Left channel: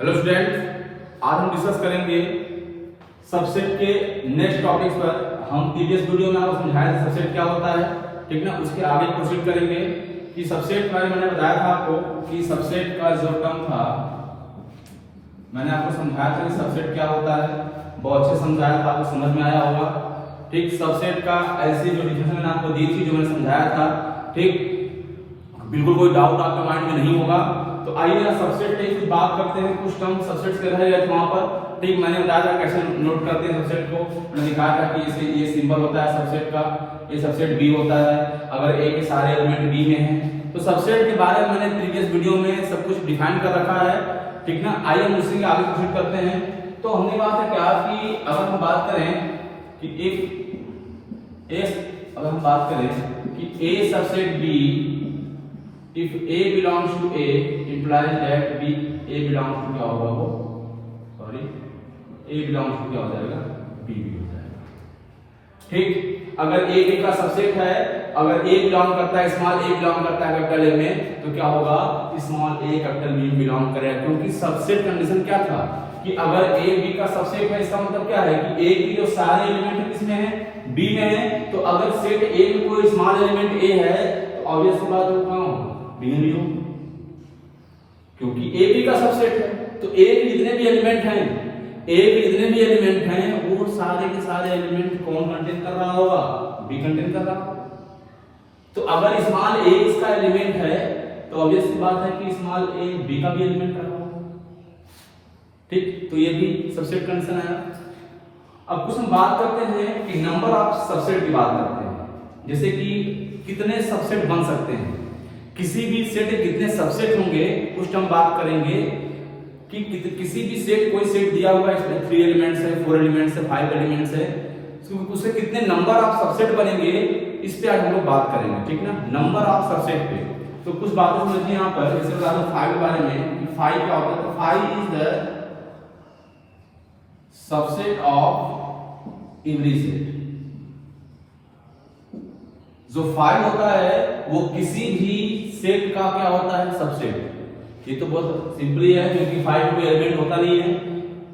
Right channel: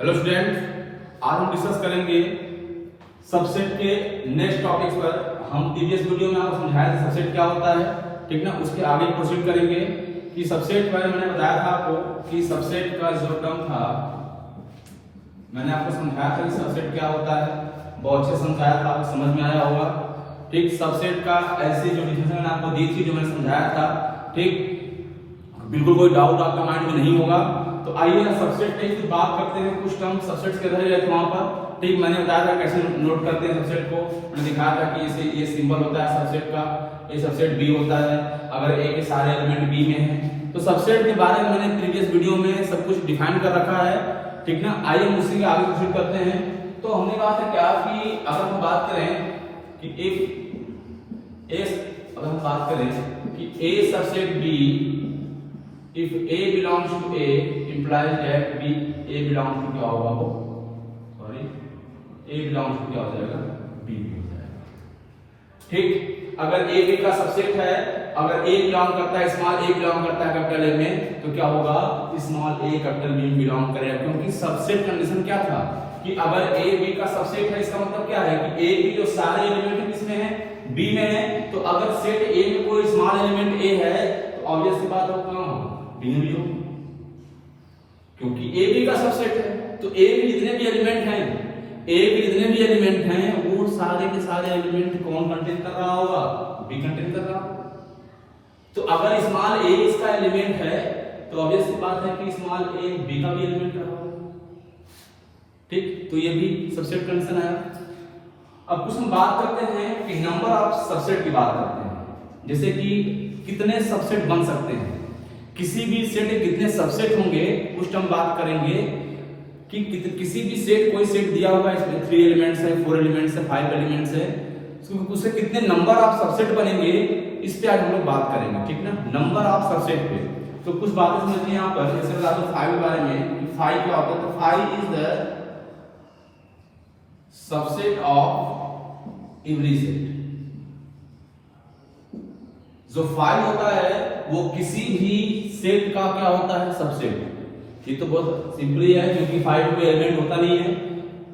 Hello student, आज हम discuss करेंगे सबसेट के नेक्स्ट टॉपिक्स पर। हम प्रीवियस वीडियो में आपको समझाया था सबसेट क्या होता है, ठीक ना। उसके आगे प्रोसीड करेंगे कि सबसेट बारे में मैंने बताया था आपको कि सबसेट का जो टर्म था मैंने आपको समझाया था कि सबसेट क्या होता है। बहुत अच्छे समझाया था, आपको समझ में आया होगा, ठीक। सबसेट का ऐसी जो डिफिनेशन मैंने आपको दी थी, जो मैंने समझाया था, ठीक। बिल्कुल कोई डाउट आपके माइंड में नहीं होगा। तो आइए ना सबसेट पे कुछ बात करते हैं। कुछ टर्म सबसेट के रह गए वहां पर, ठीक। मैंने बताया था कैसे नोट करते हैं सबसेट को। मैंने दिखाया था कि इसे ये सिंबल होता है सबसेट का, ये सबसेट बी होता है अगर ए के सारे एलिमेंट बी में हैं। तो सबसेट के बारे में मैंने प्रीवियस वीडियो में सब कुछ डिफाइन कर रखा है, ठीक ना। आइए हम उससे आगे प्रोसीड करते हैं। तो हमने बात है क्या कि अगर हम बात करें कि अगर हम बात करें कि A subset B, if A belongs to A implies that B A belongs to क्या होगा वो, सॉरी A belongs to क्या हो जाएगा, B भी हो जाएगा, ठीक। अगर A B का सबसेट है, अगर A बिलोंग करता है, स्मॉल A बिलोंग करता है कैपिटल A में, तो क्या होगा, small A capital B belong करेगा। क्योंकि सबसेट कंडीशन क्या था कि अगर A B का सबसेट है, इसका मतलब क्या है कि A B जो सारे एलिमेंट किसमें है, B में है। तो अगर सेट A में कोई स्मॉल एलिमेंट A है तो ऑब्वियस सी बात होगा बी भी हो, क्योंकि ए बी का सबसेट है। तो ए के जितने भी एलिमेंट हैं, ए के जितने भी एलिमेंट हैं, वो सारे के सारे एलिमेंट कौन कंटेन कर रहा होगा, बी कंटेन कर रहा होगा। तो अगर स्मॉल ए इसका एलिमेंट है तो ऑब्वियस सी बात है कि स्मॉल ए बी का भी एलिमेंट रहा होगा, ठीक। तो ये भी सबसेट कंडीशन आया। अब कुछ हम बात करते हैं कि नंबर ऑफ सबसेट की बात करते हैं, जैसे कि कितने सबसेट बन सकते हैं, किसी भी सेट के कितने सबसेट होंगे, कुछ हम बात करेंगे कि किसी भी सेट, कोई सेट दिया हुआ है, इसमें 3 एलिमेंट्स है, 4 एलिमेंट्स है, 5 एलिमेंट्स है, उससे कितने नंबर ऑफ सबसेट बनेंगे, इस पे आज हम लोग बात करेंगे, ठीक ना। नंबर ऑफ सबसेट पे तो कुछ बातें समझिए यहाँ पर। जैसे बता दो 5 के बारे में कि 5 क्या होता है। तो 5 is the subset of every set. जो 5 होता है वो किसी भी सेट का क्या होता है, सबसेट। ये तो बहुत सिंपली है, क्योंकि 5 में कोई एलिमेंट होता नहीं है,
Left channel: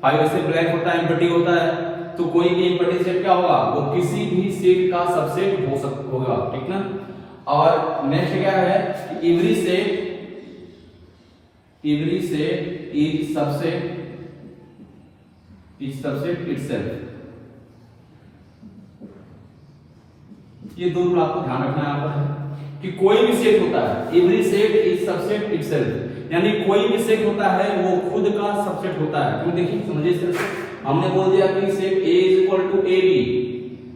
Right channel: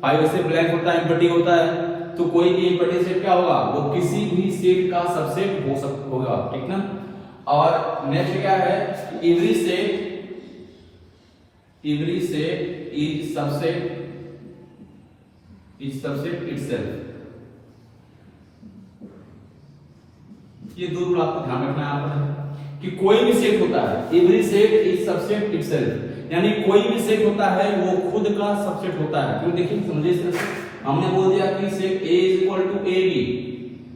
5 ऐसे ब्लैंक होता है, एम्प्टी होता है। तो कोई भी एम्प्टी सेट क्या होगा, वो किसी भी सेट का सबसेट होगा, ठीक ना। और नेक्स्ट क्या है, every set is subset itself. ये दो रूल आपको ध्यान रखना है यहाँ पर कि कोई भी सेट होता है, every set is subset itself, यानी कोई भी सेट होता है वो खुद का सबसेट होता है। क्यों, देखिए समझिए, सिर्फ हमने बोल दिया कि set A is equal to A B,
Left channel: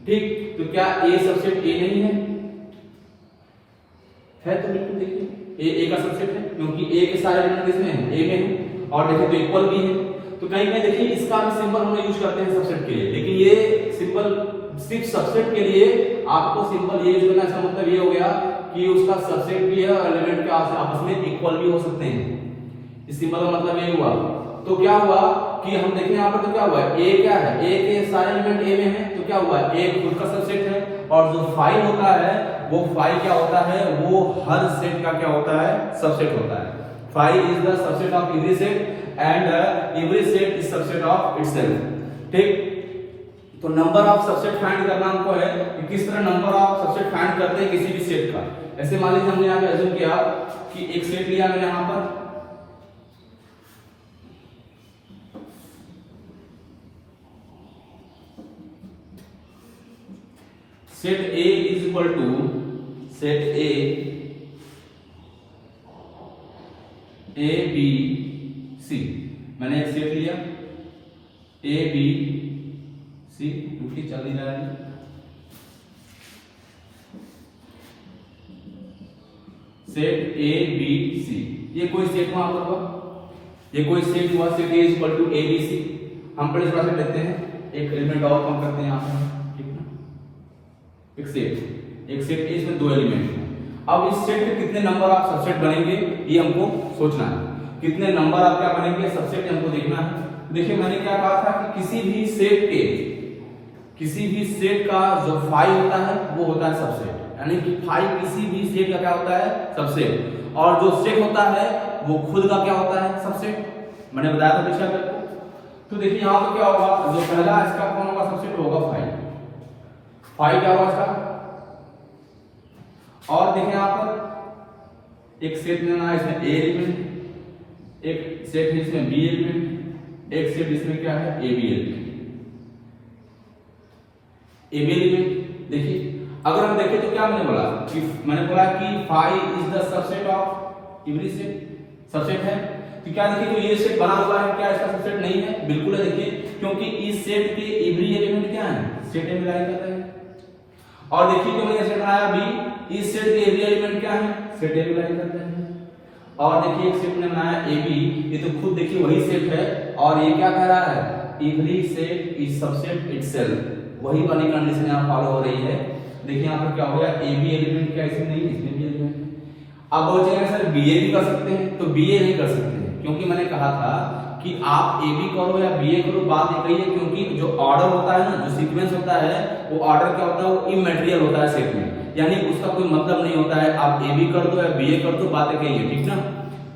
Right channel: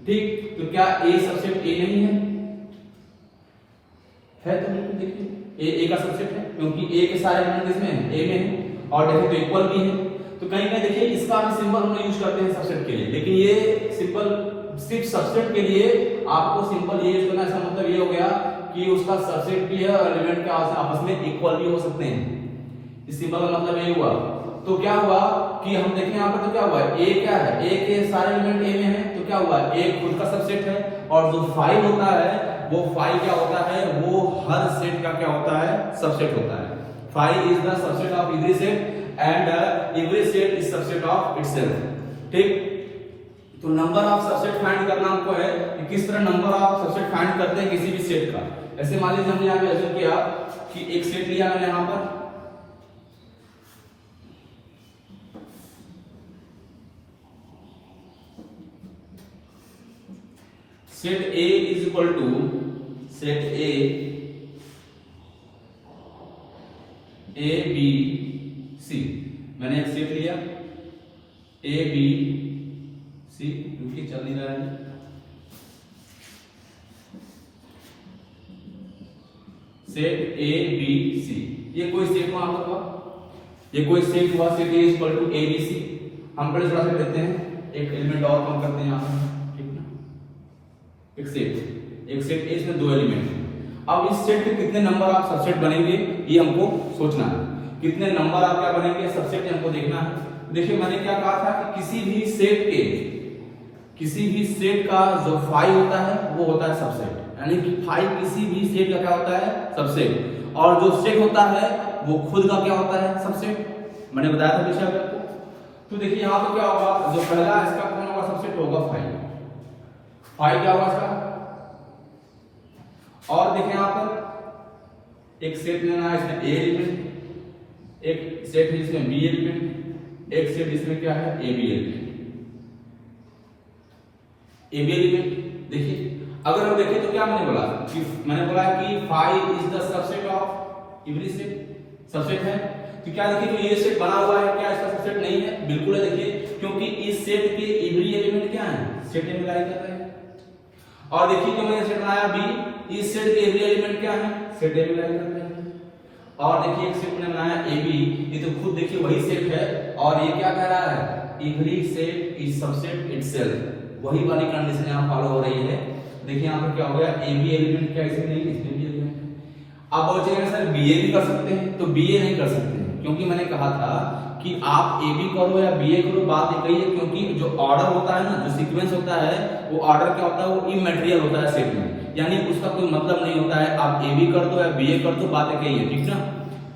ठीक। तो क्या A सबसेट A नहीं है? तो बिल्कुल देखिए A का सबसेट है, क्योंकि A के सारे एलिमेंट किसमें है, A में है। और देखिए तो इक्वल भी है। तो कहीं कहीं देखिए इसका भी सिंबल हम यूज करते हैं सबसेट के लिए, लेकिन ये सिंपल सिर्फ सबसेट के लिए आपको सिंपल ये यूज करना। इसका मतलब ये हो गया कि उसका सबसेट भी है और एलिमेंट के आपस में इक्वल भी हो सकते हैं। इस सिंबल का मतलब ये हुआ। तो क्या हुआ कि हम देखें यहाँ पर, तो क्या हुआ, ए क्या है, ए के सारे एलिमेंट ए में है, तो क्या हुआ, ए खुद का सबसेट है। और जो 5 होता है वो 5 क्या होता है, वो हर सेट का क्या होता है, सबसेट होता है। 5 is the subset of every set and every set is subset of itself, ठीक। तो नंबर ऑफ सबसेट फाइंड करना हमको है कि किस तरह नंबर ऑफ सबसेट फाइंड करते हैं किसी भी सेट का। जैसे मान लीजिए हमने यहाँ पे अज्यूम किया कि एक सेट लिया मैंने यहाँ पर, set A is equal to set A B C। मैंने एक सेट लिया A B C, क्योंकि चल नहीं रहा है। सेट A B C, ये कोई सेट वहां पर हुआ, ये कोई सेट हुआ, set A is equal to A B C। हम पहले थोड़ा सा लेते हैं, एक एलिमेंट और कम करते हैं यहाँ पे, ठीक है। एक सेट A, इसमें 2 एलिमेंट हैं। अब इस सेट के कितने नंबर ऑफ सबसेट बनेंगे ये हमको सोचना है। कितने नंबर ऑफ क्या बनेंगे सबसेट हमको देखना है। देखिए मैंने क्या कहा था कि किसी भी सेट का जो 5 होता है वो होता है सबसेट, यानी कि 5 किसी भी सेट का क्या होता है, सबसेट। और जो सेट होता है वो खुद का क्या होता है, सबसेट। मैंने बताया था पीछे आपको। तो देखिए यहाँ पर क्या होगा, जो पहला इसका कौन होगा सबसेट होगा 5। 5 क्या होगा इसका। और देखिए यहाँ पर एक सेट लेना है, इसमें ए एलिमेंट, एक सेट है इसमें बी एलिमेंट, एक सेट इसमें क्या है A B element. A B element देखिए, अगर हम देखें तो क्या मैंने बोला कि 5 is the subset of every set, subset है। तो क्या देखिए तो ये सेट बना हुआ है, क्या इसका सबसेट नहीं है? बिल्कुल है देखिए, क्योंकि इस सेट के एवरी एलिमेंट क्या है, सेट में लाई करता है। और देखिए तो मैंने सेट बनाया बी, इस सेट के एवरी एलिमेंट क्या है, सेट में लाई करता है। और देखिए एक सेट मैंने बनाया ए बी, ये तो खुद देखिए वही सेट है, और ये क्या कह रहा है, every set is subset itself, वही वाली कंडीशन यहां फॉलो हो रही है। देखिए यहां पर क्या हो गया, ए बी एलिमेंट क्या इसमें नहीं, इसमें भी एलिमेंट। अब बोल जाएगा सर बीए भी कर सकते हैं, तो बीए नहीं कर सकते हैं, क्योंकि मैंने कहा था कि आप ए बी करो या बीए करो, बात एक ही है। क्योंकि जो ऑर्डर होता है ना, जो सीक्वेंस होता है, वो ऑर्डर क्या होता है, वो इमैटेरियल होता है सेट में, यानी उसका कोई मतलब नहीं होता है। आप ए बी कर दो या बीए कर दो, बात एक ही है, ठीक ना।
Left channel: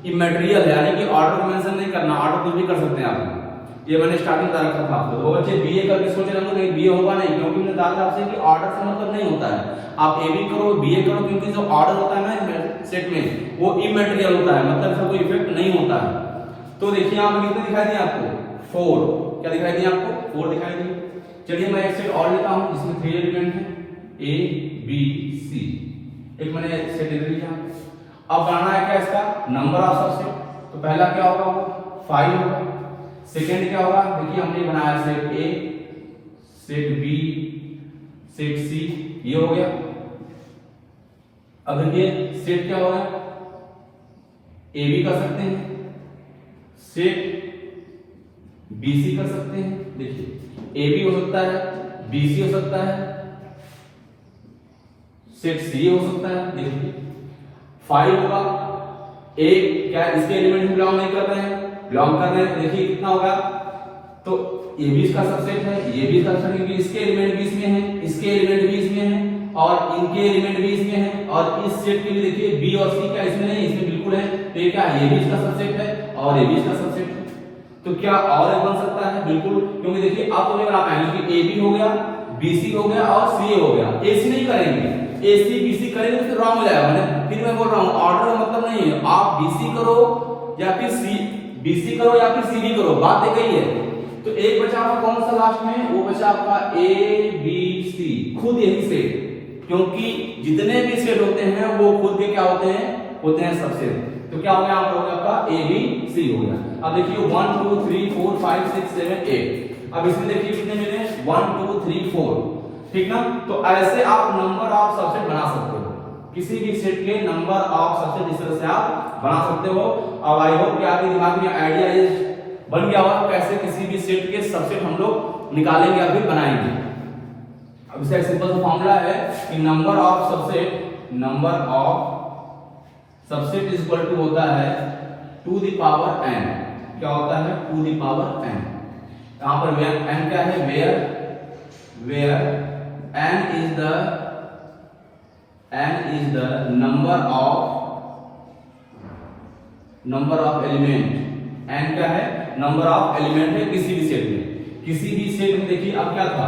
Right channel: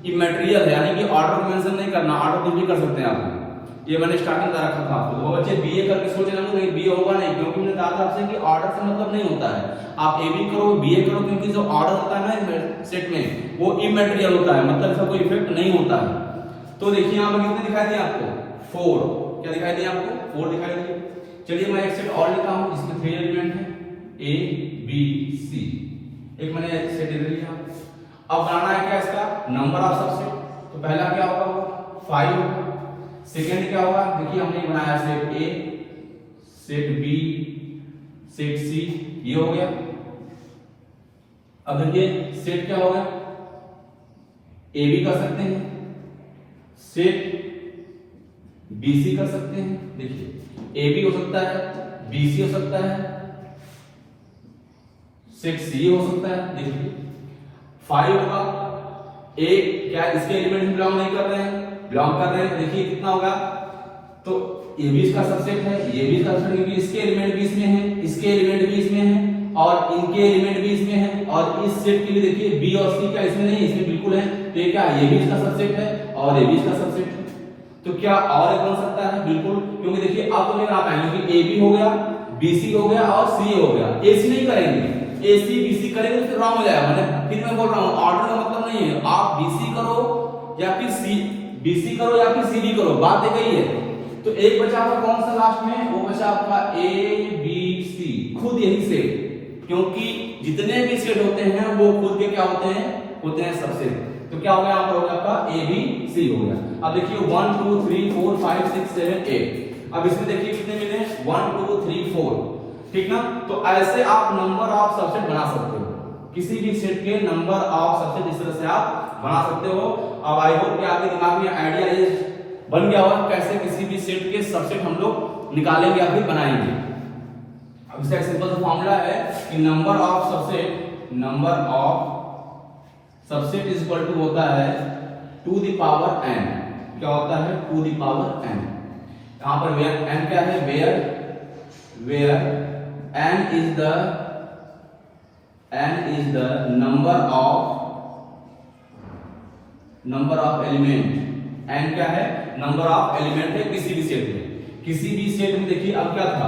इमैटेरियल है, यानी कि ऑर्डर को मेंशन नहीं करना, ऑर्डर कुछ भी कर सकते हैं आप। ये मैंने स्टार्टिंग में रखा था आपको। तो बच्चे बीए करके सोच रहे होंगे बीए होगा नहीं, क्योंकि मैंने कहा था आपसे कि ऑर्डर से मतलब नहीं होता है। आप ए बी करो बीए करो, क्योंकि जो ऑर्डर होता है ना सेट में, वो इमैटेरियल होता है, मतलब इसका कोई इफेक्ट नहीं होता है। तो देखिए यहां पर कितने दिखाई दिया आपको, 4। क्या दिखाई दिया आपको, 4 दिखाई दिया। चलिए मैं एक सेट और लेता हूं जिसमें 3 एलिमेंट है, ए बी सी, एक मैंने सेट ले लिया। अब बनाना है क्या इसका नंबर ऑफ सबसेट। तो पहला क्या होगा, 5 होगा। सेकेंड क्या होगा, देखिए हमने बनाया set A, set B, set C, ये हो गया। अब देखिए सेट क्या होगा, ए बी कर सकते हैं, सेट बीसी कर सकते हैं। देखिए ए बी हो सकता है, बीसी हो सकता है, सेट सी हो सकता है। देखिए 5 होगा, ए क्या इसके एलिमेंट बिलोंग नहीं कर रहे हैं, बिलोंग कर रहे हैं। देखिए कितना होगा, तो ये भी इसका सबसेट है, ये भी सबसेट है, इसके एलिमेंट भी इसमें है, इसके एलिमेंट भी इसमें है, और इनके एलिमेंट भी इसमें है। और इस सेट के लिए देखिए बी और सी क्या इसमें नहीं, इसमें बिल्कुल है। तो ये क्या है, ये भी इसका सबसेट है और ये भी इसका सबसेट है। तो क्या और एक बन सकता है, बिल्कुल, क्योंकि देखिए आप तो नहीं बना पाएंगे कि ए बी हो गया, बीसी हो गया और सी हो गया, एसी नहीं करेंगे। एसी बीसी करेंगे तो रॉन्ग हो जाएगा। मैंने फिर मैं बोल रहा हूँ ऑर्डर का मतलब नहीं है, आप बीसी करो या फिर सी, बीसी करो या फिर सीबी करो, बात एक ही है। तो एक बचा आपका कौन सा लास्ट में, वो बचा आपका ए बी सी, खुद यही सेट, क्योंकि जितने भी सेट होते हैं वो खुद के क्या होते हैं सबसेट। तो क्या हो गया आपका, हो गया आपका ए बी सी हो गया। अब देखिए 1 2 3 4 5 6 7 8। अब इसमें देखिए कितने मिले, 1 2 3 4, ठीक ना। तो ऐसे आप नंबर ऑफ सबसेट बना सकते हो, किसी भी सेट के नंबर ऑफ सबसेट इस तरह से आप बना सकते हो। अब आई होप कि आपके दिमाग में आइडिया ये बन गया होगा कैसे किसी भी सेट के सबसेट हम लोग निकालेंगे या फिर बनाएंगे। अब इसका एक सिंपल सा फॉर्मूला है कि number of subset is equal to होता है टू द पावर n। क्या होता है, टू द पावर n। यहां पर n क्या है, where n is the number of element. n क्या है, नंबर ऑफ एलिमेंट है किसी भी सेट में। किसी भी सेट में देखिए अब क्या था,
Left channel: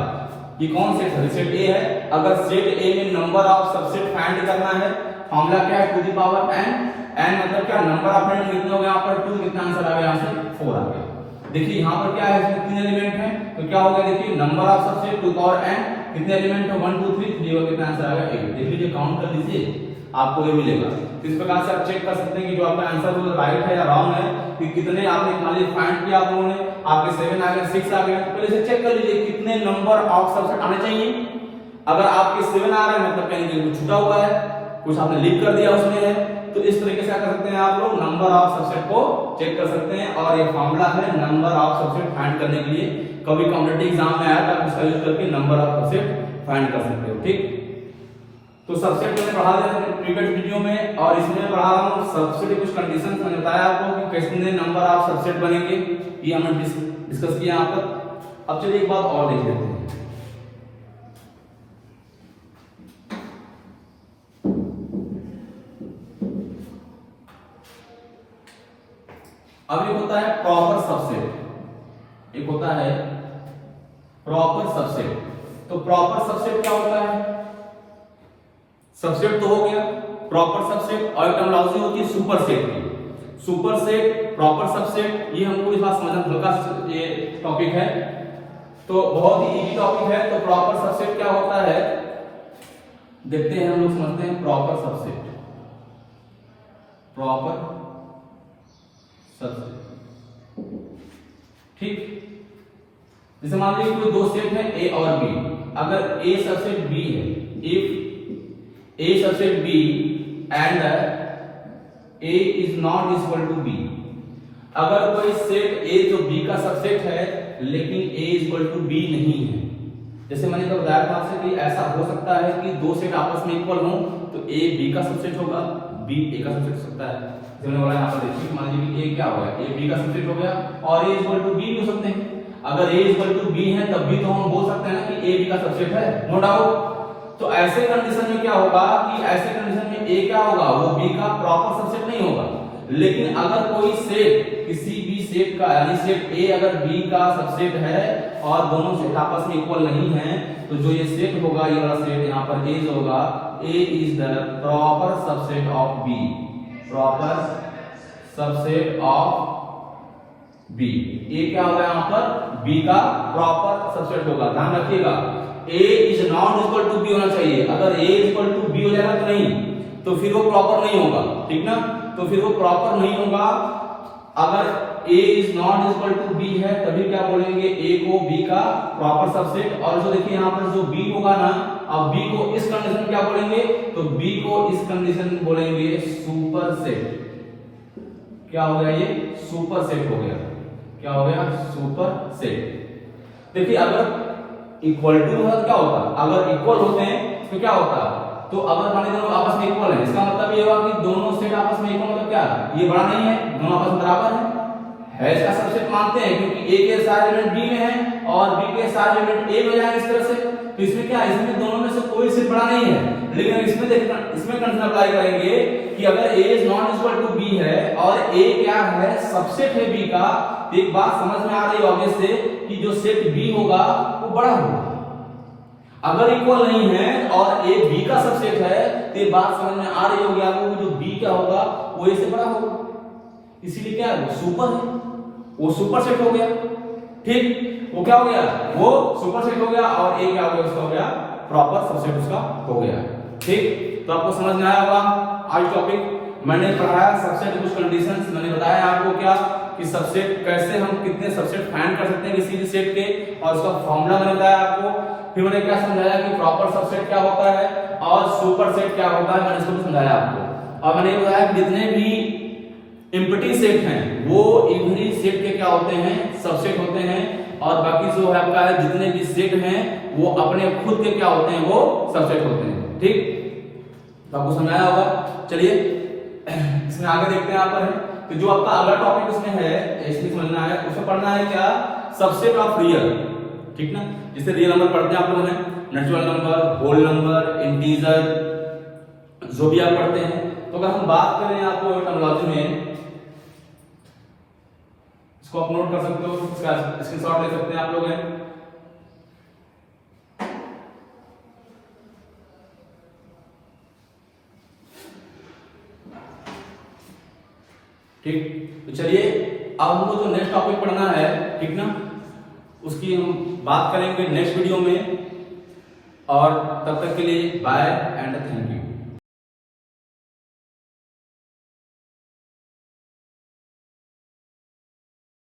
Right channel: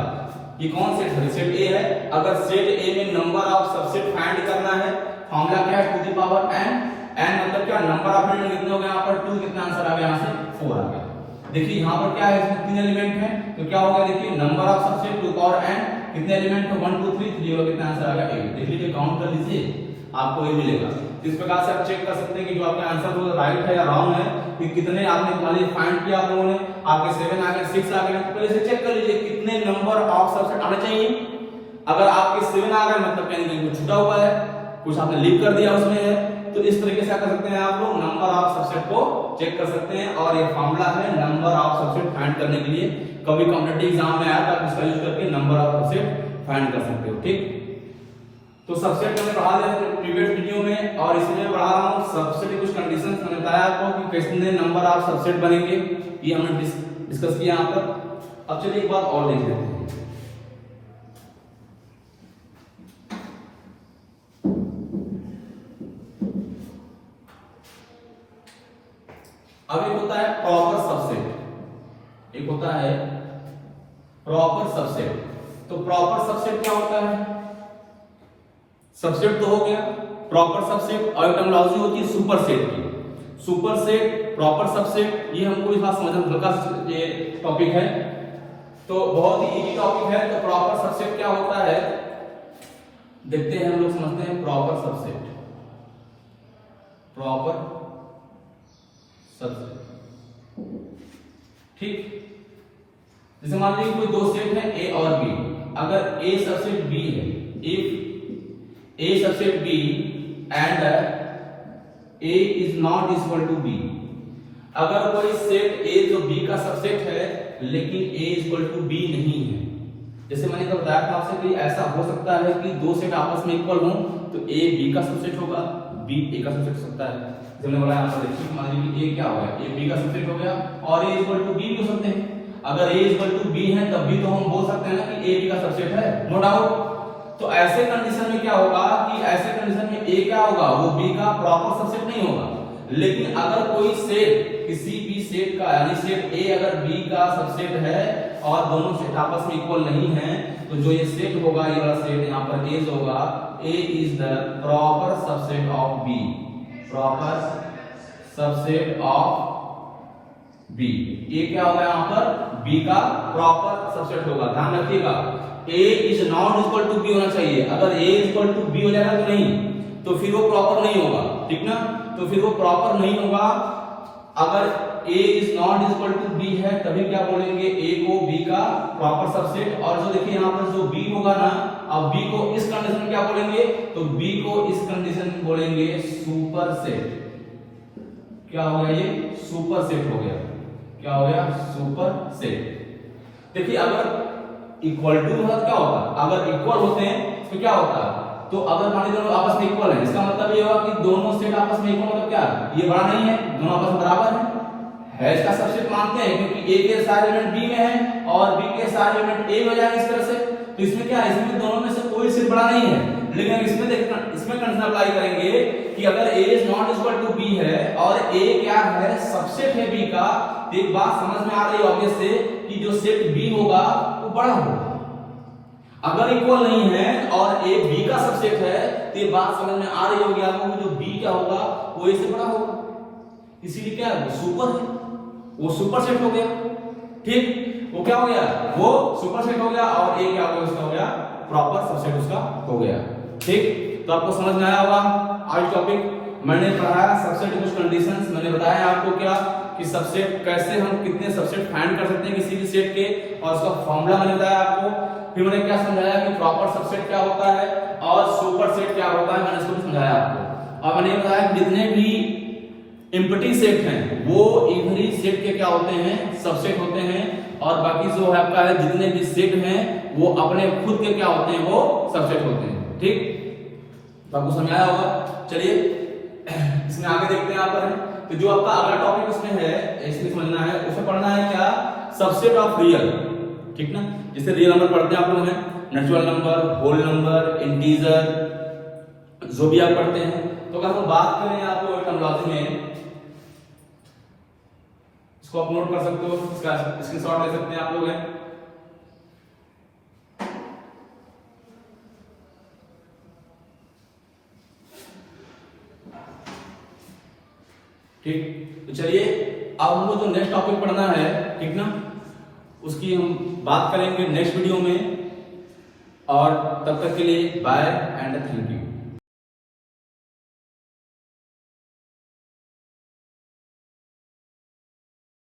ये कौन सेट है, सेट ए है। अगर सेट ए में नंबर ऑफ सबसेट फाइंड करना है, फॉर्मूला क्या है, two the power n। n मतलब क्या, नंबर ऑफ एलिमेंट कितने हो गए यहाँ पर, 2, कितना आंसर आ गया यहाँ से 4 आ गया। देखिए यहाँ पर क्या है, इसमें 3 एलिमेंट है, तो क्या हो गया, देखिए number of subset to the power n, कितने एलिमेंट है, 1 2 3 3 हो गया, कितना आंसर आ गया 8। देख लीजिए, काउंट कर लीजिए, आपको ये मिलेगा। इस प्रकार से आप चेक कर सकते हैं कि जो आपका आंसर वो राइट है या रॉन्ग है, कि कितने आपने मान लीजिए फाइंड किया आप लोगों ने, आपके 7 आ गए, 6 आ गए, पहले से चेक कर लीजिए कितने नंबर ऑफ सबसेट आने चाहिए। अगर आपके 7 आ गए मतलब क्या कुछ छूटा हुआ है, कुछ आपने लीव कर दिया उसमें है। तो इस तरीके से क्या कर सकते हैं आप लोग, नंबर ऑफ सबसेट को चेक कर सकते हैं। और ये फॉर्मूला है नंबर ऑफ सबसेट फाइंड करने के लिए, कभी कॉम्पिटिटिव एग्जाम में आया तो आप इसका यूज करके नंबर ऑफ सबसेट फाइंड कर सकते हो, ठीक। तो सबसेट मैंने पढ़ा दिया प्रीवियस वीडियो में, और इसमें पढ़ा रहा हूँ सबसेट कुछ कंडीशंस मैंने बताया आपको कि कितने नंबर ऑफ सबसेट बनेंगे, ये हमने डिस्कस किया यहाँ पर। अब चलिए एक बात और देख लेते हैं। अब एक होता है प्रॉपर सबसेट, एक होता है प्रॉपर सबसेट। तो प्रॉपर सबसेट क्या होता है? सबसेट तो हो गया, प्रॉपर सबसेट, और टर्मिनोलॉजी होती है सुपरसेट की। सुपरसेट, प्रॉपर सबसेट, ये हमको इस बात समझना हल्का सा ये टॉपिक है, तो बहुत ही इजी टॉपिक है। तो प्रॉपर सबसेट क्या होता है देखते हैं, हम लोग समझते हैं प्रॉपर सबसेट। प्रॉपर सबसेट, ठीक, जैसे मान लीजिए कोई दो सेट है ए और बी, अगर ए सबसेट बी है, if a subset b and a is not equal to b, अगर कोई सेट ए जो बी का सबसेट है लेकिन ए इक्वल टू बी नहीं है, जैसे मैंने कल बताया था आपसे कि ऐसा हो सकता है कि दो सेट आपस में इक्वल हो, तो ए बी का सबसेट होगा, बी ए का सबसेट हो सकता है। जैसे मैंने बोला यहाँ पर देखिए, मान लीजिए ए क्या हो गया, ए बी का सबसेट हो गया, और ए इक्वल टू बी भी हो सकते हैं। अगर ए इक्वल टू बी है तब भी तो हम बोल सकते हैं ना कि ए बी का सबसेट है, नो डाउट। तो ऐसे कंडीशन में क्या होगा कि ऐसे कंडीशन में ए क्या होगा, वो बी का प्रॉपर सबसेट नहीं होगा। लेकिन अगर कोई सेट, किसी भी सेट का, यानी सेट ए अगर बी का सबसेट है और दोनों सेट आपस में इक्वल नहीं है, तो जो ये सेट होगा, ये वाला सेट यहाँ पर ए होगा, A is the proper subset of B, proper subset of B. A क्या होगा यहाँ पर, बी का प्रॉपर सबसेट होगा। ध्यान रखिएगा, A is not equal to B होना चाहिए। अगर ए इक्वल टू बी हो जाएगा तो नहीं, तो फिर वो प्रॉपर नहीं होगा, ठीक ना, तो फिर वो प्रॉपर नहीं होगा। अगर a is not equal to b है तभी क्या बोलेंगे, a को b का प्रॉपर सबसेट। और जो देखिए यहाँ पर जो b होगा ना, अब b को इस कंडीशन में क्या बोलेंगे, तो b को इस कंडीशन में बोलेंगे सुपरसेट। क्या हो गया, ये सुपरसेट हो गया। क्या हो गया, सुपरसेट। देखिए अगर इक्वल टू होता क्या होता, अगर इक्वल होते हैं तो क्या होता, तो अगर मान लीजिए दोनों आपस में इक्वल है, इसका मतलब ये होगा कि दोनों सेट आपस में इक्वल, मतलब क्या, ये बड़ा नहीं है, दोनों आपस में बराबर है इसका सबसेट मानते हैं, क्योंकि ए के सारे एलिमेंट बी में है और बी के सारे एलिमेंट ए में जाएंगे इस तरह से। तो इसमें क्या है, इसमें दोनों में से कोई सेट बड़ा नहीं है। लेकिन इसमें देखना, इसमें कंडीशन अप्लाई करेंगे कि अगर a is not equal to b है और a क्या है, सबसेट है b का, तो एक बात समझ में आ रही होगी से कि जो सेट b होगा वो बड़ा होगा। अगर इक्वल नहीं है और a b का सबसेट है, तो ये बात समझ में आ रही होगी आपको कि जो b क्या होगा वो a से बड़ा होगा, इसीलिए क्या है, सुपर है, वो सुपर सेट हो गया। ठीक, वो क्या हो गया, वो सुपर सेट हो गया, और a क्या हो गया, उसका हो गया प्रॉपर सबसेट, उसका हो गया। ठीक, तो आपको समझ में आया होगा। आज टॉपिक मैंने पढ़ाया सबसेट की कुछ कंडीशंस, मैंने बताया आपको क्या कि सबसेट कैसे हम कितने सबसेट फाइंड कर सकते हैं किसी भी सेट के, और उसका फॉर्मूला मैंने बताया आपको। फिर मैंने क्या समझाया कि प्रॉपर सबसेट क्या होता है और सुपर सेट क्या होता है, मैंने इसको भी समझाया आपको। और मैंने ये बताया कि जितने भी एम्प्टी सेट हैं वो इवरी सेट के क्या होते हैं, सबसेट होते हैं, और बाकी जो है आपका है जितने भी सेट हैं वो अपने खुद के क्या होते हैं, वो सबसेट होते हैं। ठीक, तो आपको समझाया होगा। चलिए इसमें आगे देखते हैं यहाँ पर। तो जो आपका अगला टॉपिक इसमें है, इसमें समझना है, उसमें पढ़ना है क्या, सबसेट ऑफ रियल। ठीक ना, जैसे रियल नंबर पढ़ते हैं आप लोग हैं, natural number, whole number, integer, जो भी आप पढ़ते हैं। तो अगर हम बात करें आपको टर्मिनोलॉजी में, इसको आप नोट कर सकते हो, इसका स्क्रीनशॉट ले सकते हैं आप लोग हैं। ठीक, तो चलिए अब हमको जो नेक्स्ट टॉपिक पढ़ना है, ठीक ना, उसकी हम बात करेंगे नेक्स्ट वीडियो में। और तब तक के लिए बाय एंड थैंक यू।